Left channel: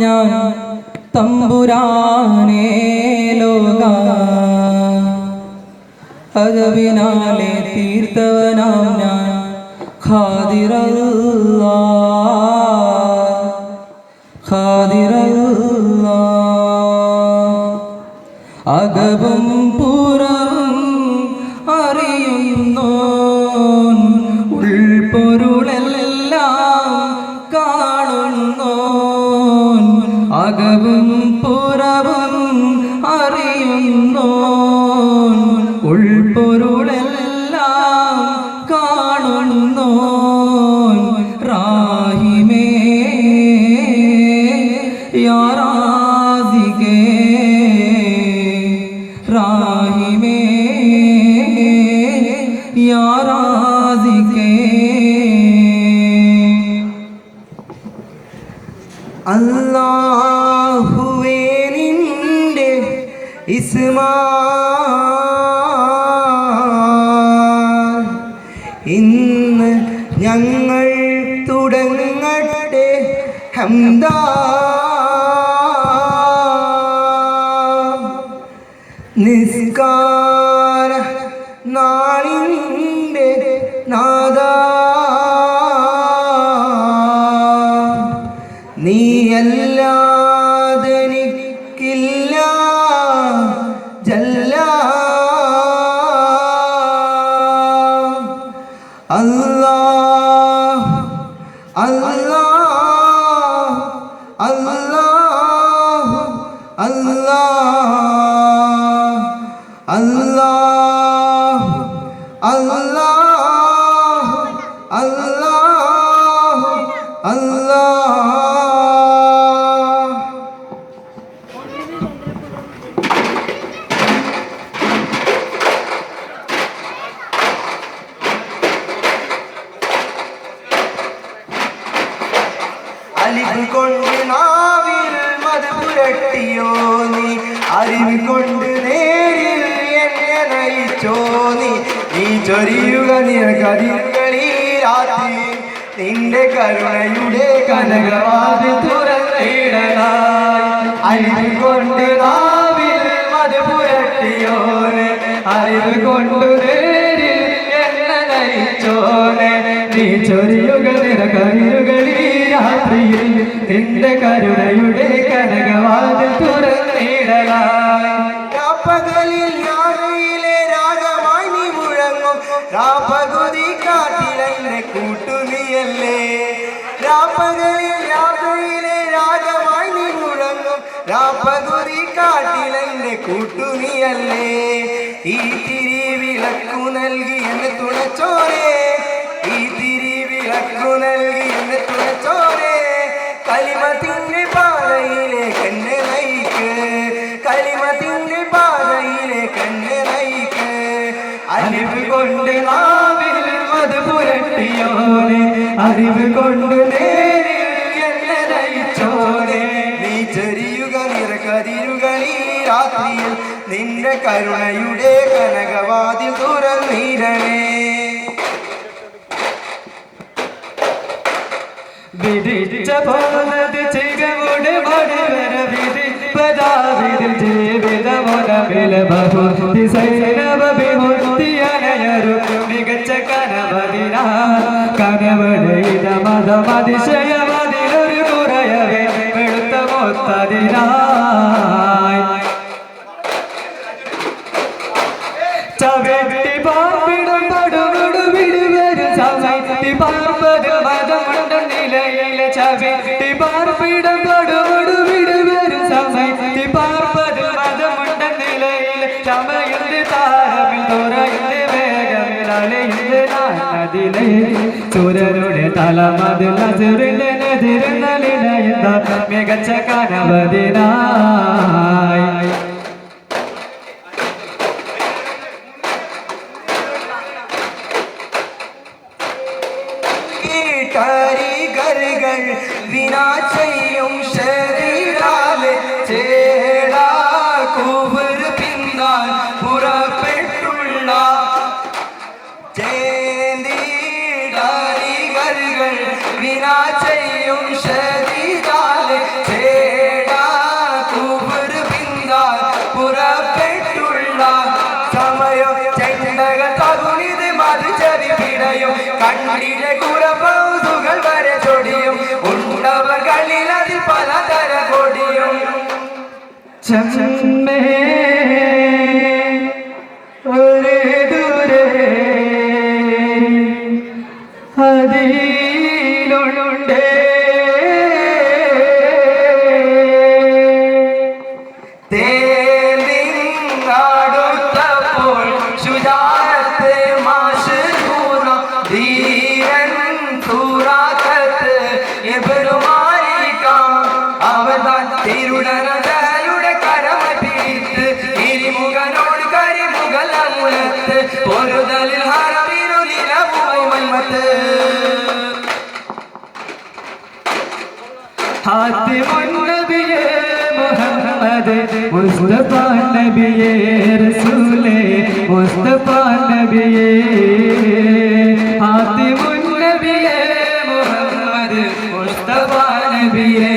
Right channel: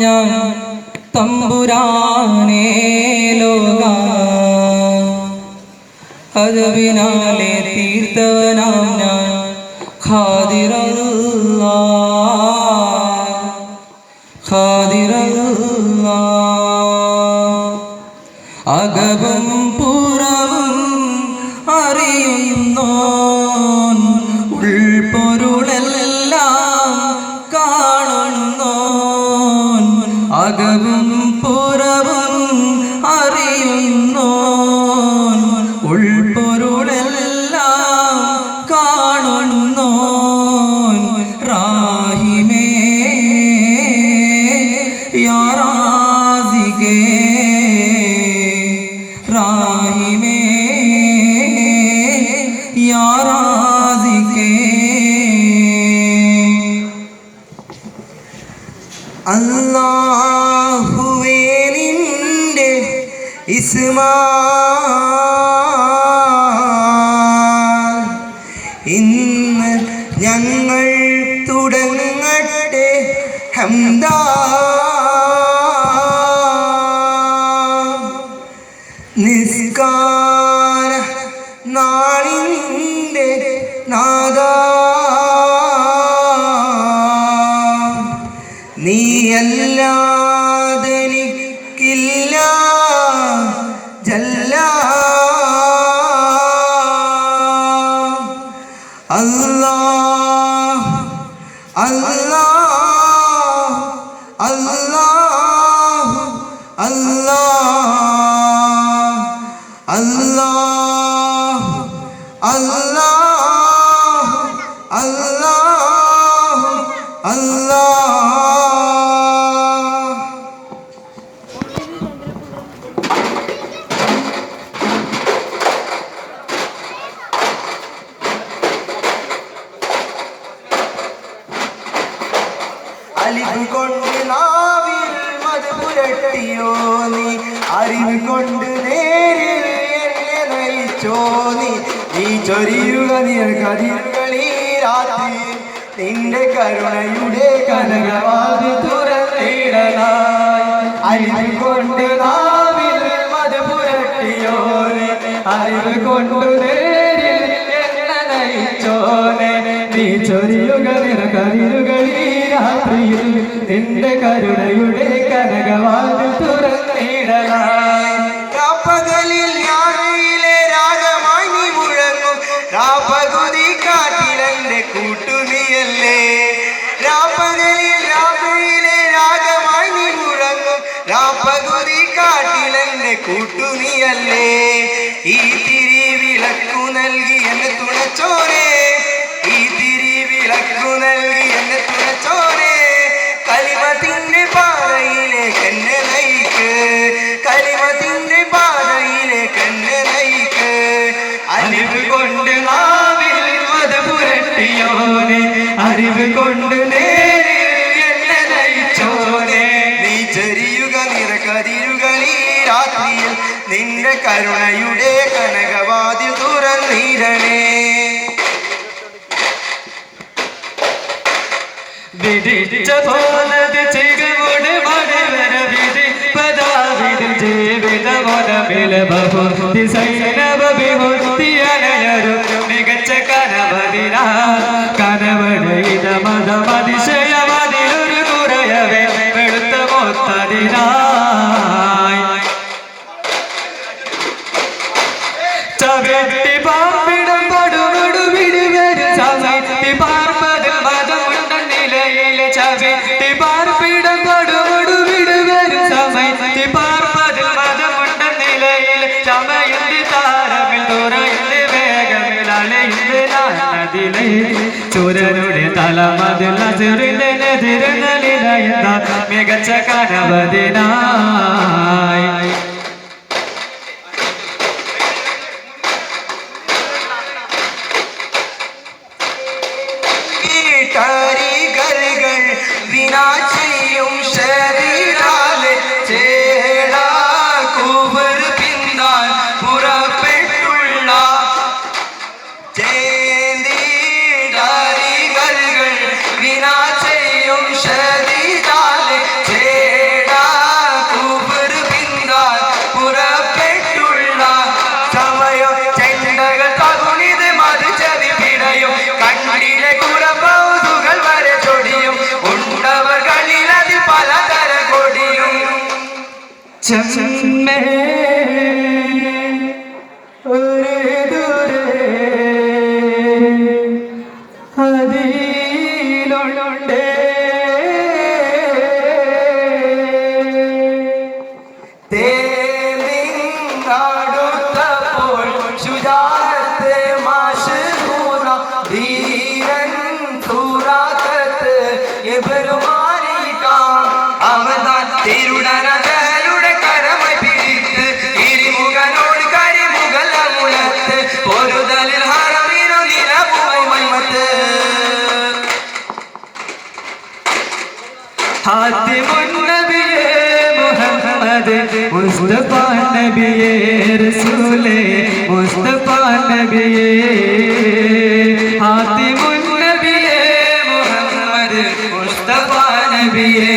ഞാൻ തമ്പുരാനേ ലോക അതവിനാലെ തീർത്തവനാം ഞാൻ ഖാദിറല്ലാ ഖാദിറല്ലാ അകവും പുറവും അറിയുന്നോൻ ഉൾപ്പൊരുളെല്ലാം കാണുന്നോൻ അകവും പുറവും അറിയുന്നോൻ ഉൾപ്പൊരുളെല്ലാം കാണുന്നോൻ റാഹിമേ യാ റാസിഖേ റാഹിമേ യാ റാസിഖേ അല്ലാഹുവേ നിന്റെ ഇസ്മാ ഇന്ന് ഞങ്ങൾ തുടങ്ങട്ടെ ഹംദാ നിസ്കാര നാളിൻ്റെ നാദാ നീയല്ലാതെ എനിക്കില്ല ജല്ല അല്ലാഹ് അല്ലാഹ് അല്ലാഹ് അല്ലാഹ് അല്ലാഹ് അല്ലാഹ് അല്ലാഹ് അല്ലാഹ് അലിവ് കൊണ്ട് നാവിൽ മത് പുരട്ടിയോ നീ അറിവ് കൊണ്ട് നേരിൽ എന്നെ നയിച്ചോ നീ ചൊരിയുക നിറകതിർകളീ രാത്രി നിന്റെ കരുണയുടെ കനകവാതിൽ തുറന്നിടലായി അലിവ് കൊണ്ട് നാവിൽ മത് പുരട്ടിയോ നീ അറിവ് കൊണ്ട് നേരിൽ എന്നെ നയിച്ചോ നീ ചൊരിയുക നിറകതിരുകളീ രാത്രിയിൽ നിന്റെ കരുണയുടെ കനകവാതിൽ തുറന്നിടലായി രാപ്പകലിൽ യാത്രയിലെ രാഗമായി നീ മുഴങ്ങും രാപ്പകുതി കാട്ടിലെന്റെ കൂട്ടുനിയല്ലേ രാപ്പകലിൽ യാത്രയിലെ രാഗമായി നീ മുഴങ്ങും രാപ്പകുതി കാട്ടിലെന്റെ കൂട്ടുനിയല്ലേ ഈ തിരി വിളക്കു നൽകി എന്നെ തുണച്ചോരേ ഈ തിരി വിളക്കു നൽകി എന്നെ തുണച്ചോരേ കലിമത്തിന്റെ പാതയിലേക്ക് എന്നെ നയിക്ക് കലിമത്തിന്റെ പാതയിലേക്ക് എന്നെ നയിക്ക് അറിവ് കൊണ്ട് നാവിൽ മത് പുരട്ടിയോനെ അറിവ് കൊണ്ട് നേരിൽ എന്നെ നയിച്ചോനെ നീ ചെറിയുക നിറകതിരുകളീ രാത്രിയിൽ നിന്റെ കരുണയുടെ കനകവാതിൽ തുറന്നിടണേ വിധിച്ച പോലത് ചികമുടെ മടിവര വിധി പദാവിധിൽ ജീവിത മതമില ബഹുതി സൈനവ വിമുക്തി അനയരു മികച്ച കനവതിന കനവടയിത മതമതിശയമതിലൊരു കുറയവേ വെളുത്ത മൊത്തതിനായി ചവിട്ടി പാർപ്പിടം പടുപടു വിടുവരും സമയത്തി പാർപ്പതിൽ മതമുണ്ട നിലയിലെ ചവിട്ടി പാർപ്പിടം പടുപടു വിടുവരും സമയത്തി പാർപ്പതിൽ മതമുണ്ട നിലയിൽ ചമയന്റെ താരമിൽ തുറയുടെ വേഗമിൽ അലയുടെ നദിലെ ചുരരുടെ തലമതിൽ അസുറിന്റെ നെതിരുന്നലിലയുന്ന മികച്ച കനവതിനായി കാരികൾ വിനാ ചെയ്യും ശരീരാലെ ചേടാ കൂവർ പിന്താൻ പുറപ്പെട്ടുള്ള ചേന്തിടാരികൾ വിനാ ചെയ്യും ശരീരാലെ ചമ്മേ ഒരു ദൂരെ അതിലുണ്ട് തേടിങ്ങടുത്തപ്പോൾ ശുചാരത്തെ മാശൂറ ധീരൻ സൂറാക്കത്ത് എബരുമാനിക്കാം അവതാൻ തിരുടനകളുടെ കരമൈ പിടിത്ത് ഇരിമുഖനോട് കരിമുഖലമുലത്ത് പൊരുതലിൽ ഹറമിനു നിലവുമൈ മൈമത്ത് ഹാത്തിമുൻ നബിയേ മുഹമ്മദ് മുസ്തഫ നബിയേ റസൂലേ മുസ്തഫ നബിയേ ഹാത്തിമുൻ നബിയേ മുഹമ്മദ് മുസ്തഫ നബിയേ